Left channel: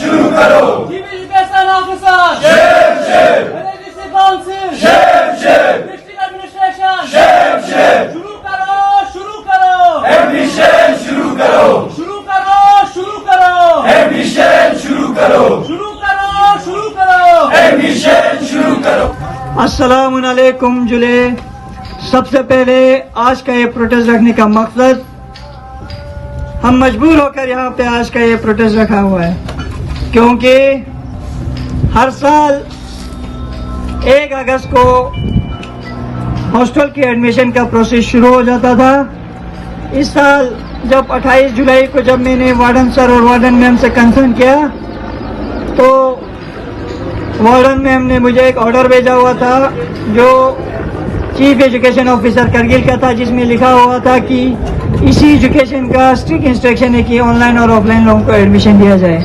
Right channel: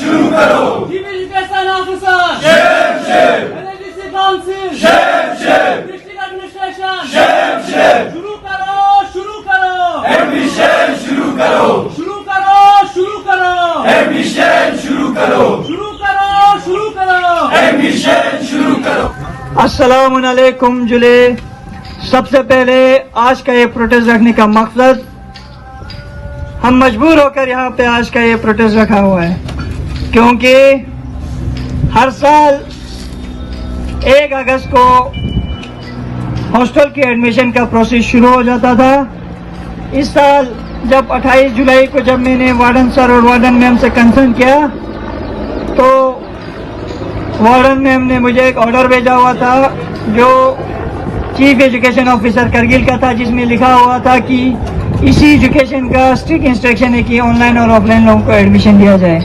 शुरू करो। Civil education officer शेर शेर, एनएडीसी काउंसिल शेर शेर, डिस्ट्रिक्ट एडमिनिस्ट्रेशन शेर शेर, शुरू करो, शुरू करो, एडमिशन शुरू करो, शुरू करो, शुरू करो, एडमिशन शुरू करो, शुरू करो, शुरू करो, एडमिशन शुरू करो। अस्सलाम वालेकुम जुले। सबसे पहले आज का ये प्रोटेस्ट रखने का मकसद, हम मजबूर होकर यहाँ पे आज का ये प्रोटेस्ट रखा हुआ है क्योंकि हर साल 1 अगस्त को हॉस्टल के एडमिशन का प्रोसेस शुरू हो जाता था। इस साल जब 28 जुलाई को जब मैंने वार्डन सर और वार्डन मैम से कंसर्न किया तो वार्डन मैम ने मुझे एक ऑर्डर भेजा हुआ था जो चीफ एजुकेशन ऑफिसर करगिल का था, जिसमें लिखा हुआ था कि इसी एजुकेशन का स्ट्रिक्ट इंस्ट्रक्शन है कि ऑनलाइन और ऑफलाइन लोगों को एडमिशन दिया जाए।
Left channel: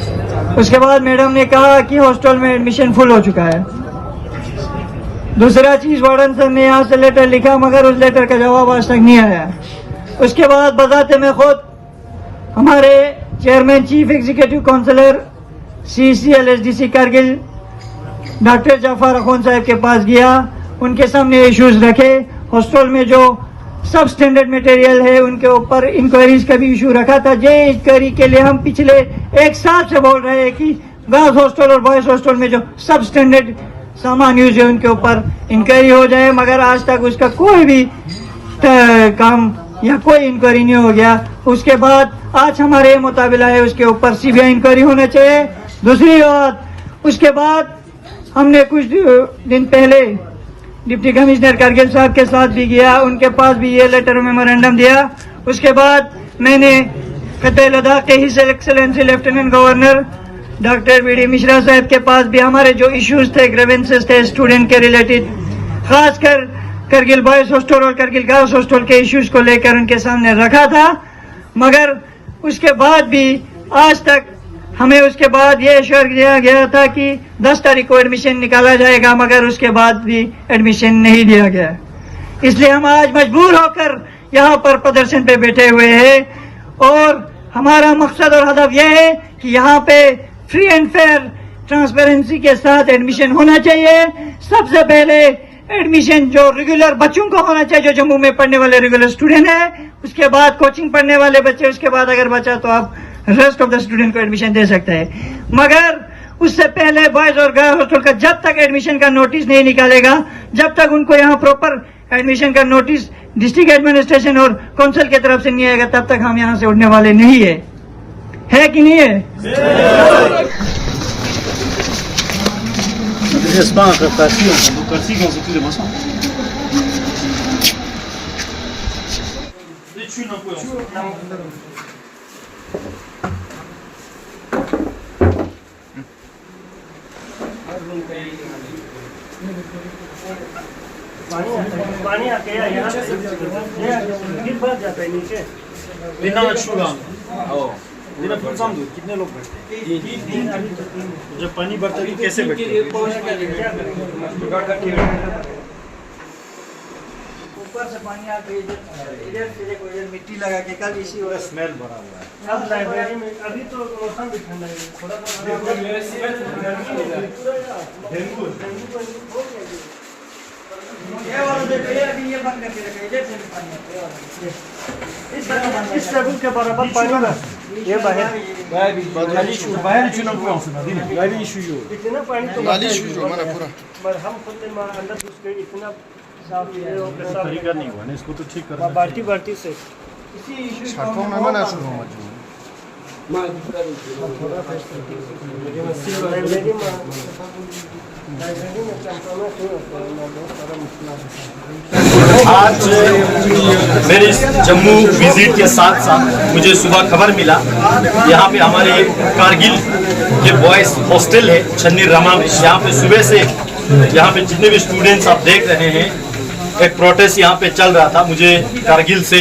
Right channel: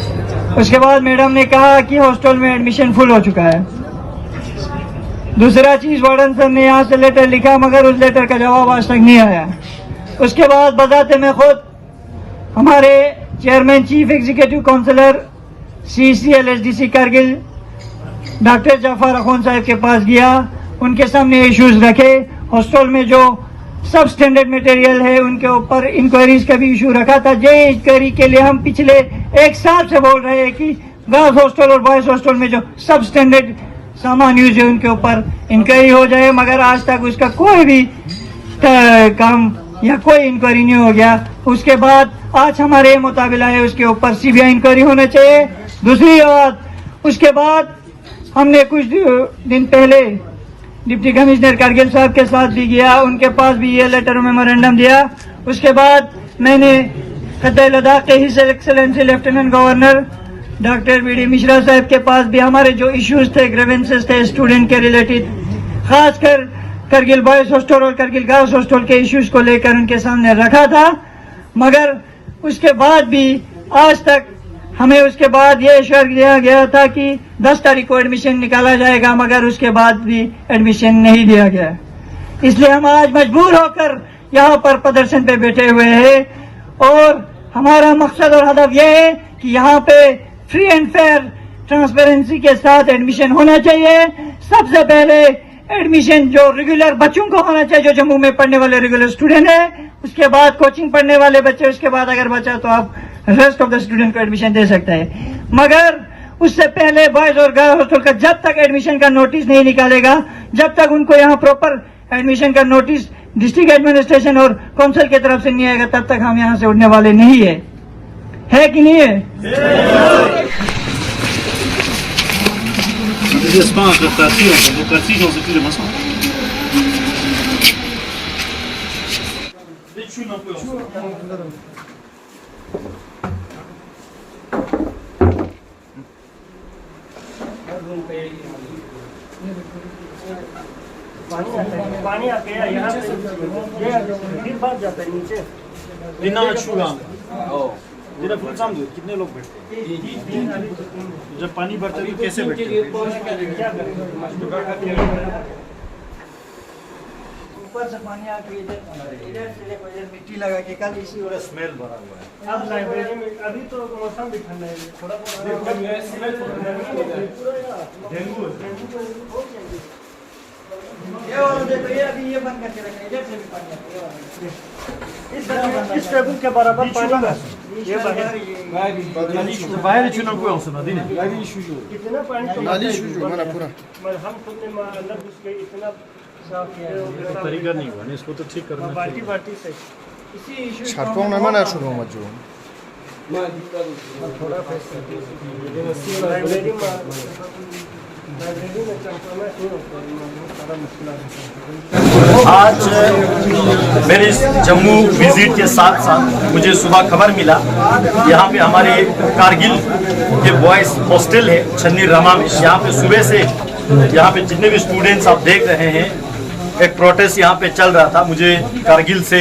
उसके बाद मैडम ने कहा कि हॉस्टल में एडमिशन फुल हो चुका है। दूसरा चीज, वार्डन सर ने यहाँ से लेटर लिखा मगर उस लेटर का जवाब आज तक नहीं आया। उसके बाद बजाते में खुद हमारे chairman chief executive councillor CCLSDC Kargil doctor Jafar Akhoon साहब के पास गया, उनके सामने इश्यूज रखे। हॉस्टल में जो सब स्टैंडर्ड मटेरियल है उनके ऊपर इंक्वायरीज का भी इशू रखा था। जो इंक्वायरी के लिए हम पिछले 1 साल से बोल रहे हैं कि गर्ल्स हॉस्टल और बॉयज हॉस्टल में जो सब स्टैंडर्ड सामान यूज है उनके ऊपर इंक्वायरी हो जाए, मगर आज तक उसका कोई भी काम या कोई इंक्वायरी नहीं हो गया। उसके बाद आज हमारे मुताबिला है उसके ऊपर CBI इंक्वायरी होना चाहिए। दूसरी बात, उसके बाद हमने कुछ दिन पहले डिप्टी कमिश्नर करगिल साहब के साथ भी गया, उनके पास भी ये लेटर मेमोरेंडम दिया। उसके बाद मैंने खत्ते लद्दाख के his excellency lieutenant governor doctor BD Mishra साहब के पास भी हमारे जो इश्यूज थे, ग्रीवेंसेस थे स्टूडेंट के रिलेटेड, खासकर करगिल बॉयज हॉस्टल और करगिल गर्ल्स हॉस्टल के इश्यूज को लेकर उनके सामने रखा था। मगर उसके बाद भी आज तक हमें उसके बाद ये एश्योर दिया गया था कि 10 तारीख को एडमिशन निकाला जाएगा, मगर उसके बाद भी एडमिशन नहीं दिया गया। इसलिए हम आज मजबूर होकर यहाँ पर प्रदर्शन पे बैठे हुए हैं और हमारा मकसद और हदफ यह है कि यहाँ पे फ्री एंड फेयर ट्रांसपेरेंसी के साथ एडमिशन होना चाहिए। सबसे पहले एडमिशन जो रेगुलर बच्चों को होना चाहिए, जो जम्मू में पढ़ने वाले रेगुलर स्टूडेंट है, उसके बाद कोचिंग पढ़ने वाले बच्चे, उसके बाद अगर बचा तो आप रेस्ट ऑफ द स्टूडेंट को एडमिशन दे सकते हैं। मगर उससे पहले बॉयज और गर्ल्स हॉस्टल का जब तक एडमिशन का नोटिस नहीं निकालेगा, जब तक उनको यहाँ प्रॉपर एडमिशन का नोटिस डिस्ट्रिक्ट एडमिनिस्ट्रेशन और काउंसिल की तरफ से नहीं आएगा, तब तक हम यहाँ से उड़ने वाले नहीं है कि नहीं है? Des espaces de démocratie dans ces mensonges. पानी आके यहाँ से फिर भर जाता है नीचे। Dinner chouga. Oh. Dinner full sam दूध कितने लोग बैठते हैं? जब पानी भरता है तो कैसे बैठते हैं? ऊपर से पानी आके इधर से मिट्टी लगा के कल इसी पूरा स्मेल भरा हुआ है। अब लाइब्रेरी में अभी तो मौसम भी ठंडा है, थोड़ा डेंगू ये वाला देखिए, अभी ये बंद करके रखे, इधर से भी पानी आता है। इस टेबल के बराबर पानी ये बाहर चुनाव हुआ उसमें दिन इतना पानी तो नाली शुरू हमारा पूरा पर हम खुद अंदर घुस गए, इतना साफ है और तरीका नहीं हुआ ना, इसको तो ठीक करना बाल्टी बाल्टी से इसी इशू छाटों में मना शुरू हो जो लाइब्रेरी में कंप्रोमाइज नहीं होता है, बहुत सारा मसला है। आज मेरे इस जम्मू विजिट के साथ साथ मुझे सुबह खबर मिला यहाँ पे हमारे कारगिल ये बॉयज हॉस्टल है छन्नी रमा में, यहाँ पे सुबह से यहाँ पे जितने भी स्टूडेंट्स आप देख रहे हैं एक प्रोटेस्ट यहाँ पे चल रहा था। मुझे कारगिल से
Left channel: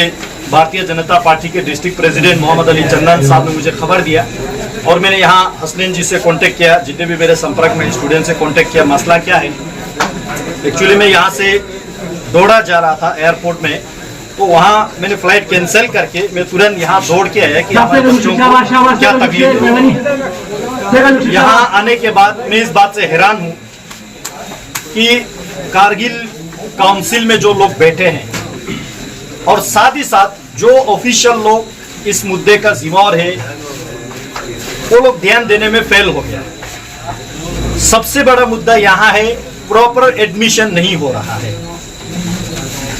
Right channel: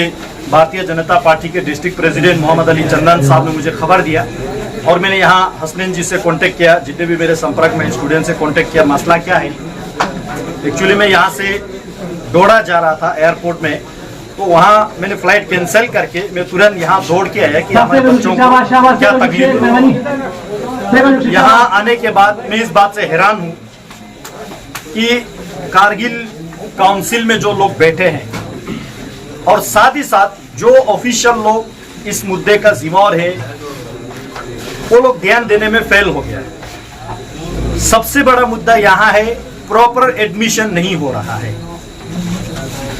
भारतीय जनता पार्टी के डिस्ट्रिक्ट प्रेसिडेंट मोहम्मद अली चंदन साहब ने मुझे खबर दिया और मैंने यहाँ हसनैन जी से कांटेक्ट किया, जितने भी मेरे संपर्क में स्टूडेंट से कांटेक्ट किया, मसला क्या है। एक्चुअली मैं यहाँ से डोडा जा रहा था एयरपोर्ट में, तो वहाँ मैंने फ्लाइट कैंसिल करके मैं तुरंत यहाँ दौड़ के आया कि हमारे बच्चों को क्या तकलीफ है। यहाँ आने के बाद मैं इस बात से हैरान हूँ कि कारगिल काउंसिल में जो लोग बैठे हैं और साथ ही साथ जो ऑफिशियल लोग इस मुद्दे का जिम्मेवार है वो लोग ध्यान देने में फेल हो गया। सबसे बड़ा मुद्दा यहाँ है प्रॉपर एडमिशन नहीं हो रहा है।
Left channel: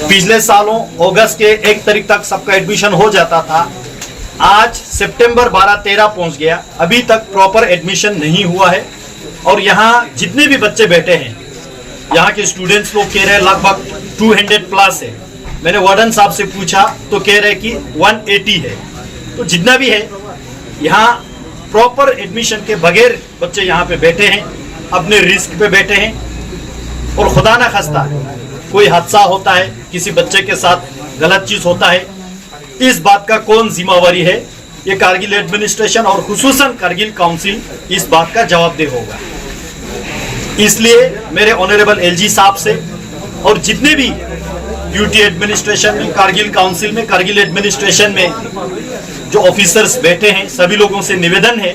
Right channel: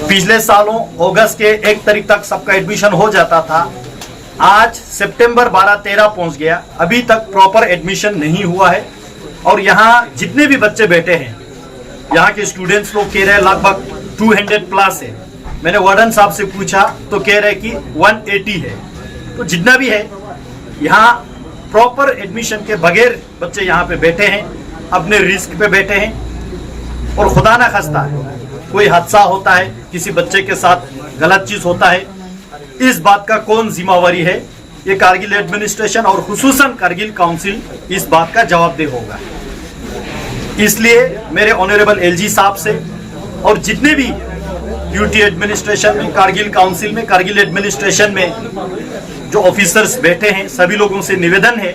पिछले सालों अगस्त के 1 तारीख तक सबका एडमिशन हो जाता था, आज सितंबर 12-13 पहुंच गया, अभी तक प्रॉपर एडमिशन नहीं हुआ है। और यहाँ जितने भी बच्चे बैठे हैं, यहाँ के स्टूडेंट्स लोग कह रहे हैं लगभग 200 प्लस है। मैंने वार्डन साहब से पूछा तो कह रहे कि 180 है। तो जितना भी है यहाँ प्रॉपर एडमिशन के बगैर बच्चे यहाँ पे बैठे हैं, अपने रिस्क पे बैठे हैं। और खुदा ना खास्ता कोई हादसा होता है, किसी बच्चे के साथ गलत चीज होता है, इस बात का कौन जिम्मेवारी है? ये कारगिल एडमिनिस्ट्रेशन और खुसूसन कारगिल काउंसिल इस बात का जवाबदेह होगा। इसलिए मेरे ऑनरेबल एलजी साहब से और जितने भी ड्यूटी एडमिनिस्ट्रेशन में, कारगिल काउंसिल में, कारगिल एडमिनिस्ट्रेशन में जो ऑफिसर्स बैठे हैं, सभी लोगों से निवेदन है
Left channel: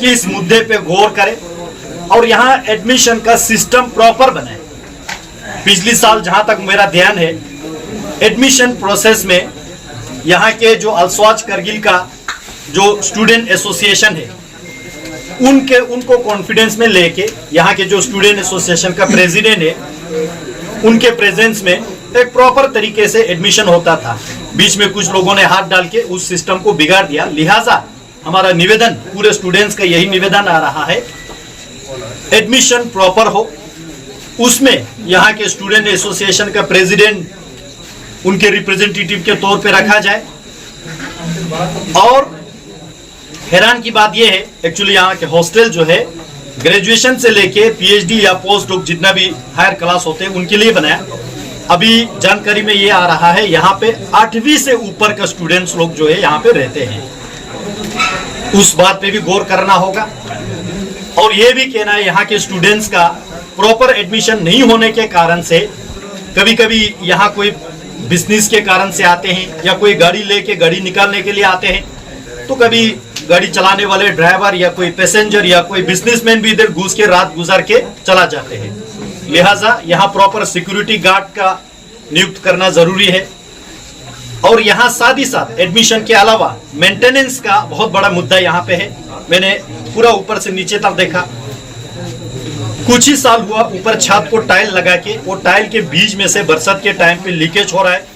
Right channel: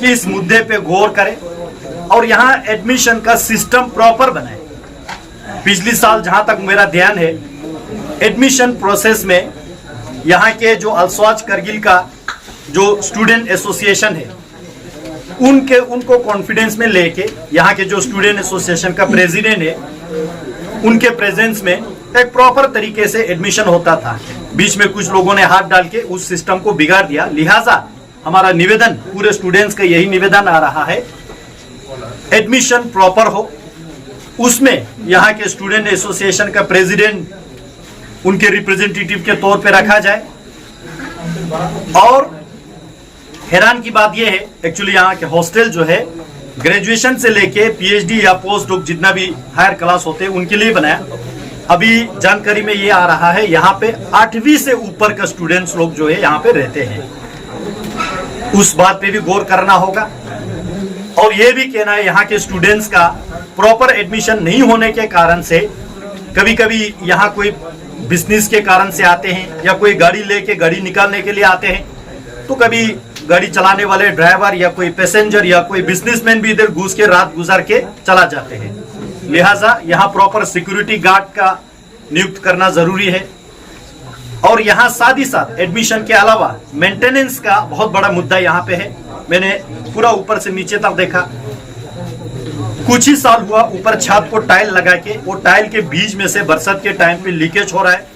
कि इस मुद्दे पे गौर करें और यहाँ एडमिशन का सिस्टम प्रॉपर बनाए। पिछले साल जहां तक मेरा ध्यान है, एडमिशन प्रोसेस में यहाँ के जो अल्सवाज कारगिल का जो स्टूडेंट एसोसिएशन है, उनको कॉन्फिडेंस में लेके यहाँ के जो स्टूडेंट एसोसिएशन का प्रेसिडेंट है, उनके प्रेजेंस में एक प्रॉपर तरीके से एडमिशन होता था। बीच में कुछ लोगों ने हाथ डाल के उस सिस्टम को बिगाड़ दिया। लिहाजा हमारा निवेदन, पूरे स्टूडेंट्स का यही निवेदन आ रहा है, एडमिशन प्रॉपर हो, उसमें यहाँ के स्टूडेंट एसोसिएशन का प्रेसिडेंट उनके रिप्रेजेंटेटिव के तौर पे रखा जाए। और हैरान की बात यह है, एक्चुअली यहाँ के हॉस्टल जो है ग्रेजुएशन से लेके पीएचडी या पोस्ट डॉक जितना भी हायर क्लास होते हैं उनके लिए बनाया। अभी जानकारी में ये आ रहा है यहाँ पे 8वीं से ऊपर का स्टूडेंट्स लोग जो है यहाँ पे रहते हैं, उस बात पे भी गौर करना होगा। और ये भी कहना है यहाँ के स्टूडेंट्स का प्रॉपर एडमिशन नहीं होने के कारण से कभी कभी यहाँ कोई बिजनेस के कारण से आते हैं या कोई गाड़ी लेके गाड़ी निकालने के लिए आते हैं, तो कभी गाड़ी चलाने वाले ड्राइवर या कोई पैसेंजर या कोई बिजनेसमैन भी इधर घुस के रात गुजार के चला जाते हैं। लिहाजा यहाँ प्रॉपर सिक्योरिटी गार्ड का नियुक्त करना जरूरी है। और यहाँ साथ ही साथ एडमिशन के अलावा मेंटेनेंस का बहुत बड़ा मुद्दा यहाँ पे है। मैंने पूरा ऊपर से नीचे तक देखा, कुछ ही साल हुआ ऊपर छत को टाइल लगा के, वो टाइल के बीच में से बरसात के टाइम पे लीकेज हो रहा है।